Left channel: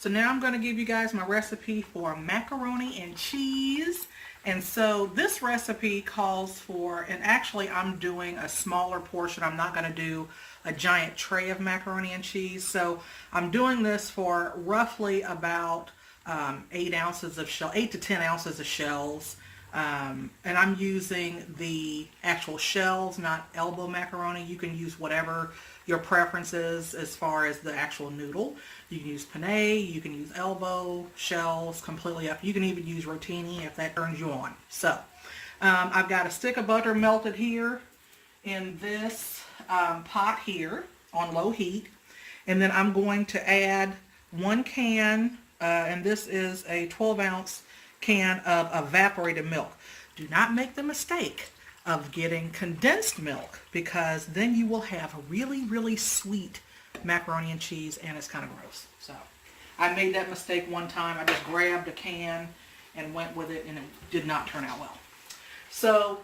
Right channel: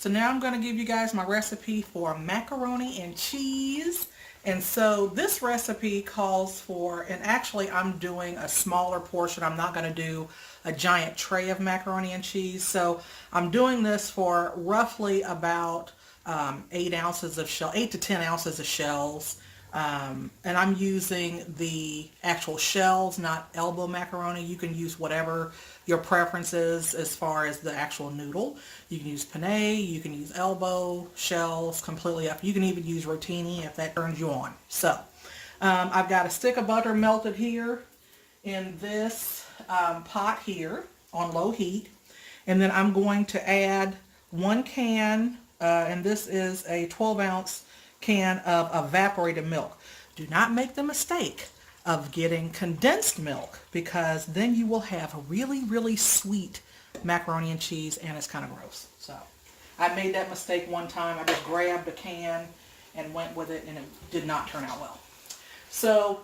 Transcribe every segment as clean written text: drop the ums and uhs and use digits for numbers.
So now I'm going to give you guys my recipe for macaroni and cheese. And so this recipe calls for, and actually I'm doing a smaller portion. I'm not going to do a giant tray of macaroni and cheese. So I'm doing this for roughly about 8 ounces of shell, 8 to 10 ounces of shells. And I'm using the actual shells, not elbow macaroni. You can use whatever your preference is as far as the actual noodle. You can use penne, you can use elbow, shells, completely up. You can even use rotini if that turns you on. So I've got a stick of butter melted here in this pot here on low heat. And then I'm going to add 1 can, and this is a 12-ounce can of evaporated milk. Do not make the mistake of getting condensed milk, because then you will have a really, really sweet macaroni and cheese, and it's kind of gross. So I made that mistake one time. I just grabbed a can and went with it, and it did not turn out well. So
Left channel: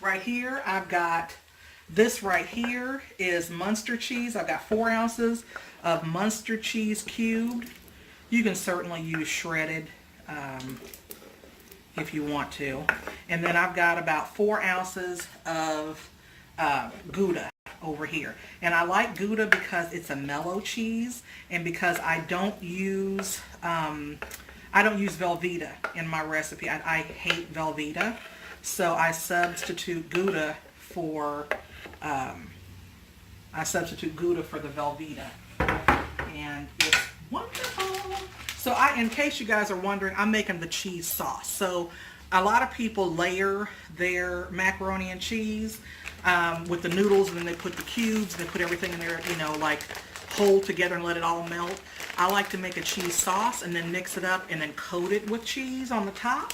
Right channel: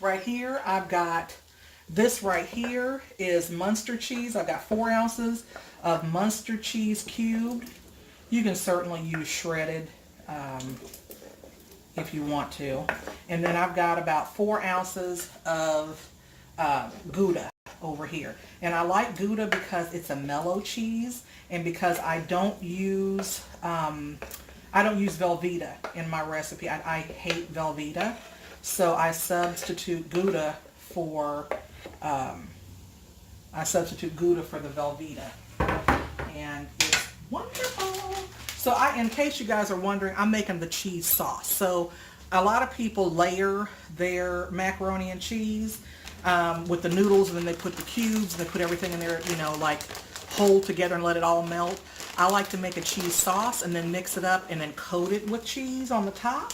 right here, I've got this right here is Muenster cheese. I've got 4 ounces of Muenster cheese cubed. You can certainly use shredded if you want to. And then I've got about 4 ounces of Gouda over here. And I like Gouda because it's a mellow cheese, and because I don't use Velveeta in my recipe. I hate Velveeta, so I substitute Gouda for the Velveeta, and it's wonderful. So in case you guys are wondering, I'm making the cheese sauce. So a lot of people layer their macaroni and cheese with the noodles, and then they put the cubes, and they put everything in there, you know, like whole together and let it all melt. I like to make a cheese sauce and then mix it up and then coat it with cheese on the top.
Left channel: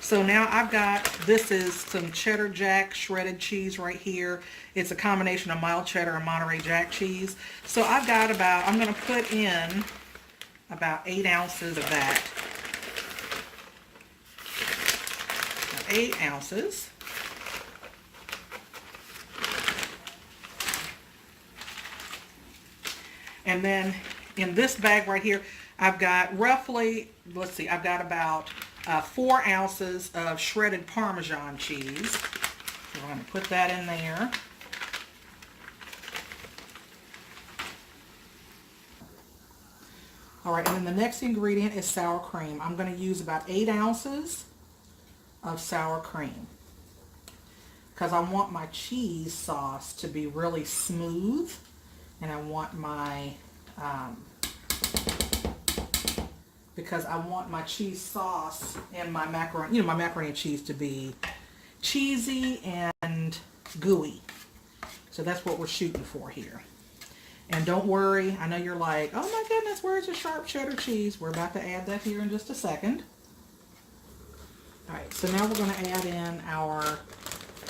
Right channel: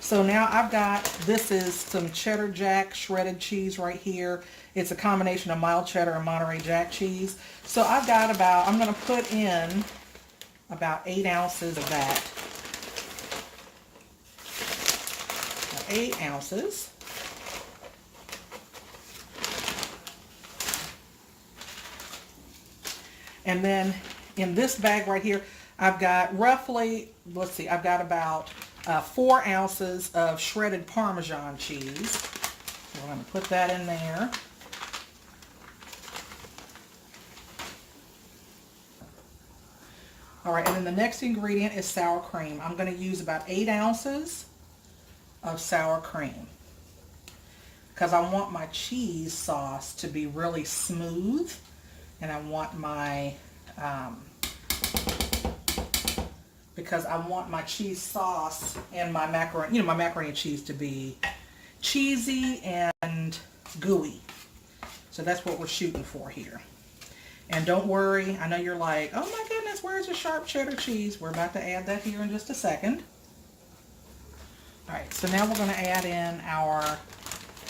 So now I've got, this is some cheddar jack shredded cheese right here. It's a combination of mild cheddar and Monterey Jack cheese. So I've got about, I'm going to put in about 8 ounces of that. 8 ounces. And then in this bag right here, I've got roughly, let's see, I've got about 4 ounces of shredded Parmesan cheese. So we're going to put that in there. All right, and then the next ingredient is sour cream. I'm going to use about 8 ounces of sour cream, because I want my cheese sauce to be really smooth, and I want my because I want my cheese sauce and my macaroni, you know, my macaroni and cheese to be cheesy and gooey. So that's what we're shooting for here. And don't worry, I know you're like, oh my goodness, where's the sharp cheddar cheese? We're about to add that here in just a second. All right, so now we're going to add in our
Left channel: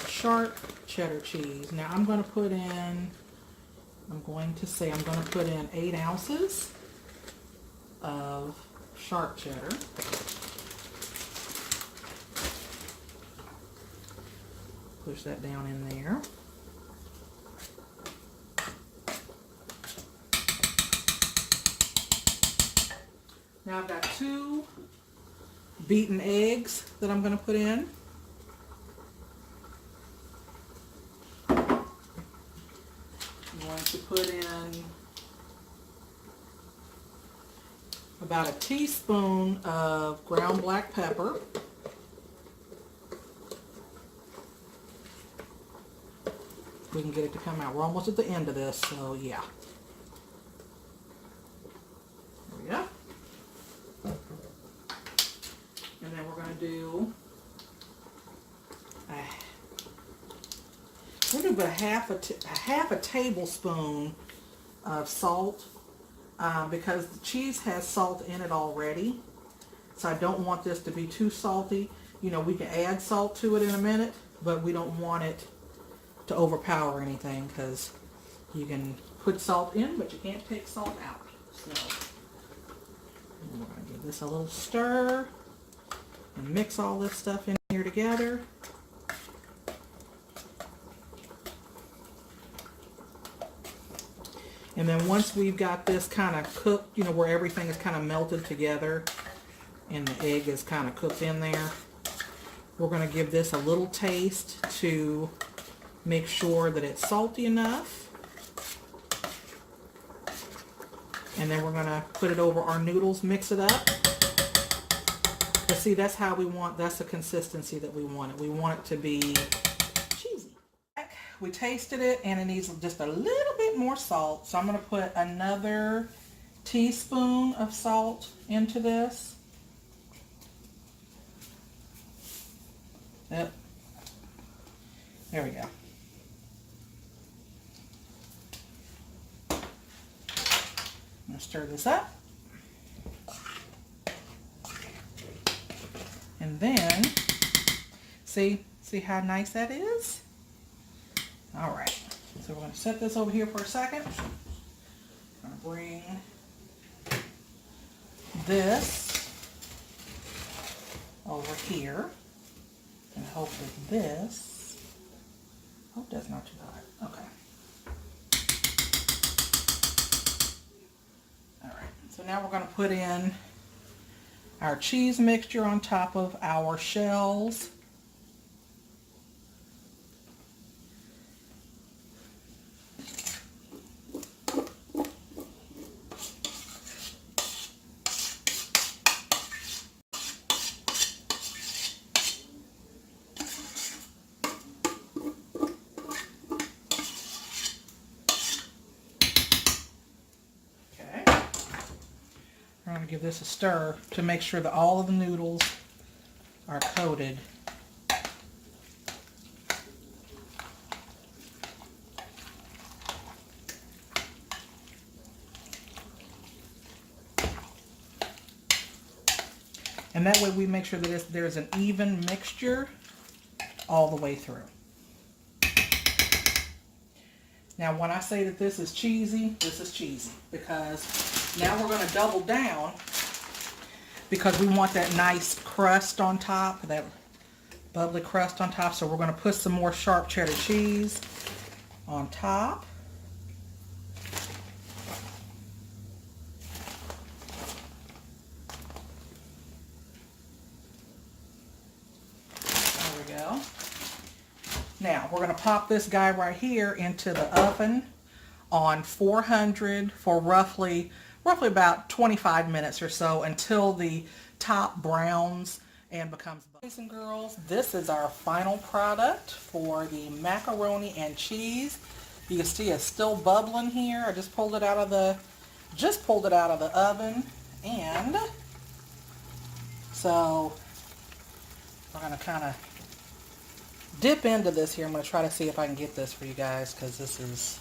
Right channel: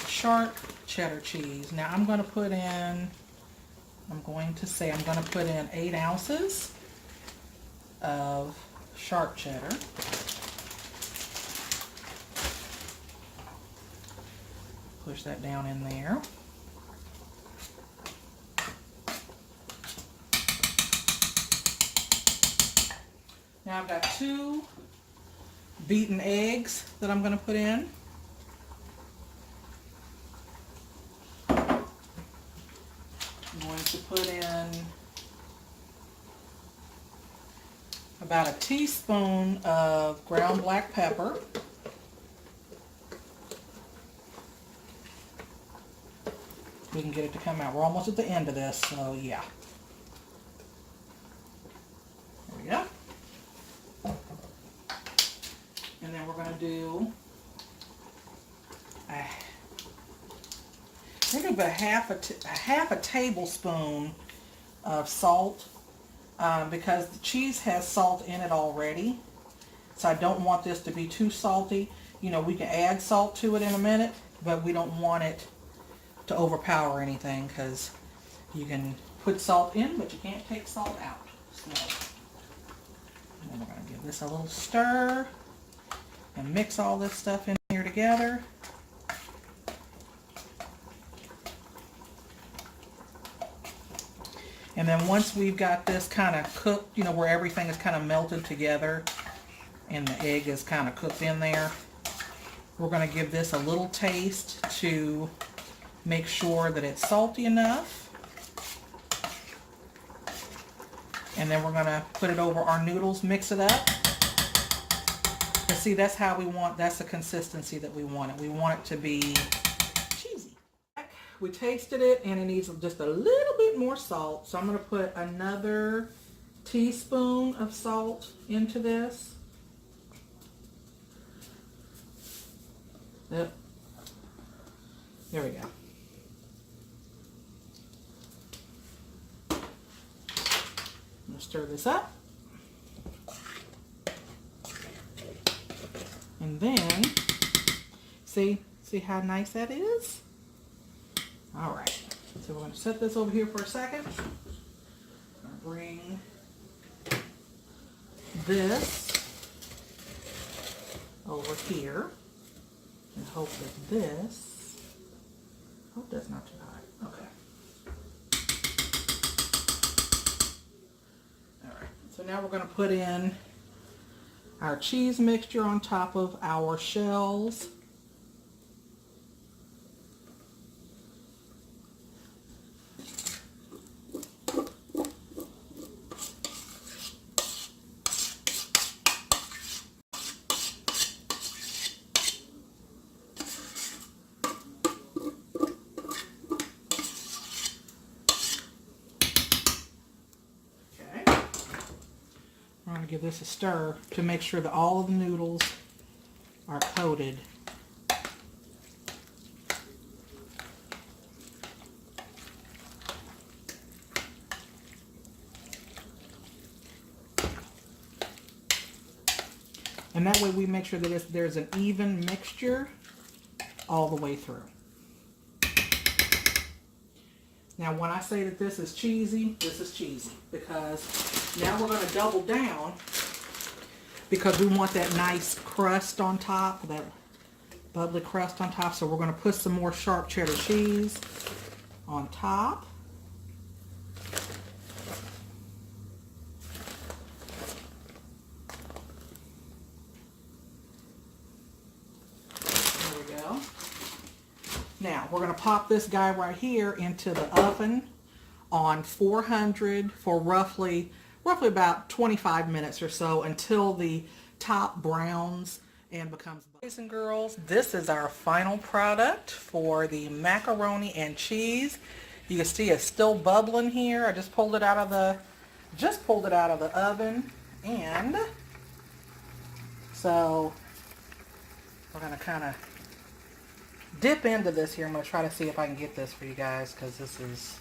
sharp cheddar cheese. Now I'm going to put in, I'm going to put in 8 ounces of sharp cheddar. Push that down in there. Now I've got 2 beaten eggs that I'm going to put in. I'm going to put in about a teaspoon of ground black pepper. We can get it to come out. We're almost at the end of this, so yeah. There we go. And then we're going to do about half a tablespoon of salt, because the cheese has salt in it already. So I don't want this to be too salty. You know, we can add salt to it in a minute, but we don't want it to overpower anything, because you can put salt in, but you can't take salt out. So we're going to give this a little stir and mix all this stuff in here together. And then once we've got this kind of cooked, you know, where everything is kind of melted together and the egg is kind of cooked in there, we're going to give this a little taste to make sure that it's salty enough. And then we're going to put it over our noodles, mix it up. But see, that's how we want, that's the consistency that we want it. We want it to be cheesy. We tasted it and it needs just a little bit more salt. So I'm going to put another teaspoon of salt into this. Yep. There we go. I'm going to stir this up. And then, see how nice that is? All right, so we're going to set this over here for a second. I'm going to bring this over here and hope that this, hope that's not too hot. Okay. All right, so now we're going to put in our cheese mixture on top of our shells. I'm going to give this a stir to make sure that all of the noodles are coated. And that way we make sure that there's an even mixture all the way through. Now when I say that this is cheesy, because now we're going to double down because we want that nice crust on top, that bubbly crust on top. So we're going to put some more sharp cheddar cheese on top. There we go. Now we're going to pop this guy right here into the oven on 400 for roughly about 25 minutes or so until the top browns and becomes bubbly. Boys and girls, this is our final product for the macaroni and cheese. You can see it's still bubbling here. I just pulled it out of the oven, and so we're gonna kind of dip into this here. I'm gonna try to see if I can get this for you guys because this is